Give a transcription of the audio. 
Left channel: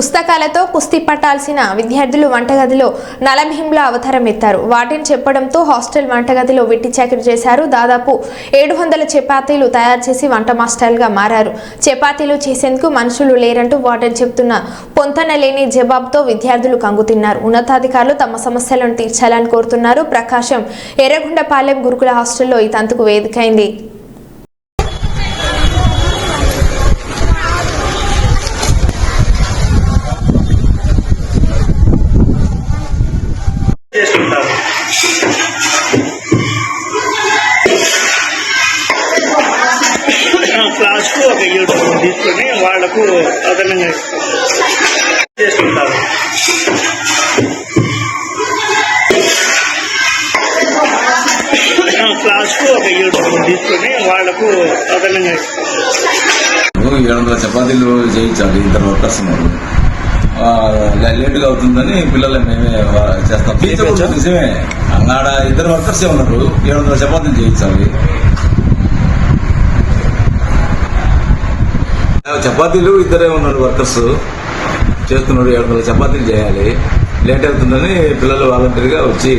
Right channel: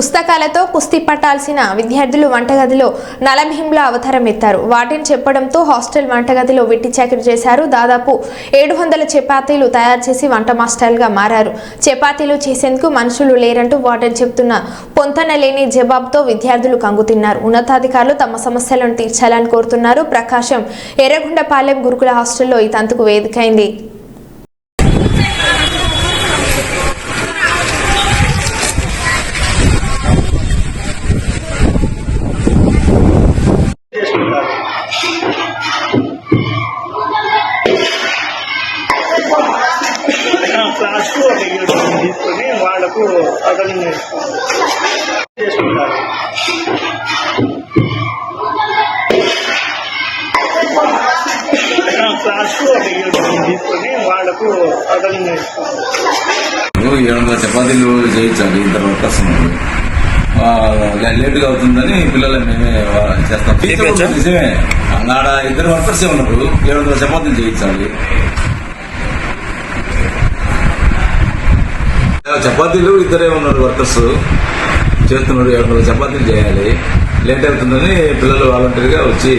పుస్తకాలతో కుస్తీ పట్టాల్సిన విద్యార్థులు వంటగదిలో నలభీంలా అవతారం ఎత్తారు. వాటిని చెప్పడంతో హాస్టల్ వంటగదిలో వెట్టి చాకిరి చేశారు. దాదాపు 700 చపాతీలు తయారు చేసి వంట మాస్టర్లుగా మారారు. చపాతీలు చేసేందుకు మనుషులు లేరంటూ వార్డెన్ చెబుతున్న పొంతన లేని జవాబుతో విద్యార్థులు కంగుతిన్నారు. ఉన్నతాధికారులు తమ సమస్యలను తీర్చాలని కోరుతున్నారు. ప్రకాశం ఎర్రగొండపాలెం గురుకుల హాస్టల్లో ఈ తంతుకు వేదికైంది. క్లాస్కు ఒక 7 తీసుకొని వాళ్లకు అదనంగా చేసుకుంటారు. క్లాస్కు ఒక 7 తీసుకొని వాళ్లకు అదనంగా 700 చపాతీలు చేయించాలి. 2 వర్కర్స్ ఉన్నారు. లేటుగా అవుతుందని పిల్లలు మేమే చేస్తాం. నిజమే, ఆడ 2 వర్కర్సే ఉన్నారు. 700 చపాతీలు చేయించాలి. చపాతీలు 2 ఉన్నారు వర్కర్స్ చేస్తున్నారు. 700 చపాతీలు చేయాలి. లేట్ అవుతుందని పిల్లలు వాలంటీర్గా వచ్చి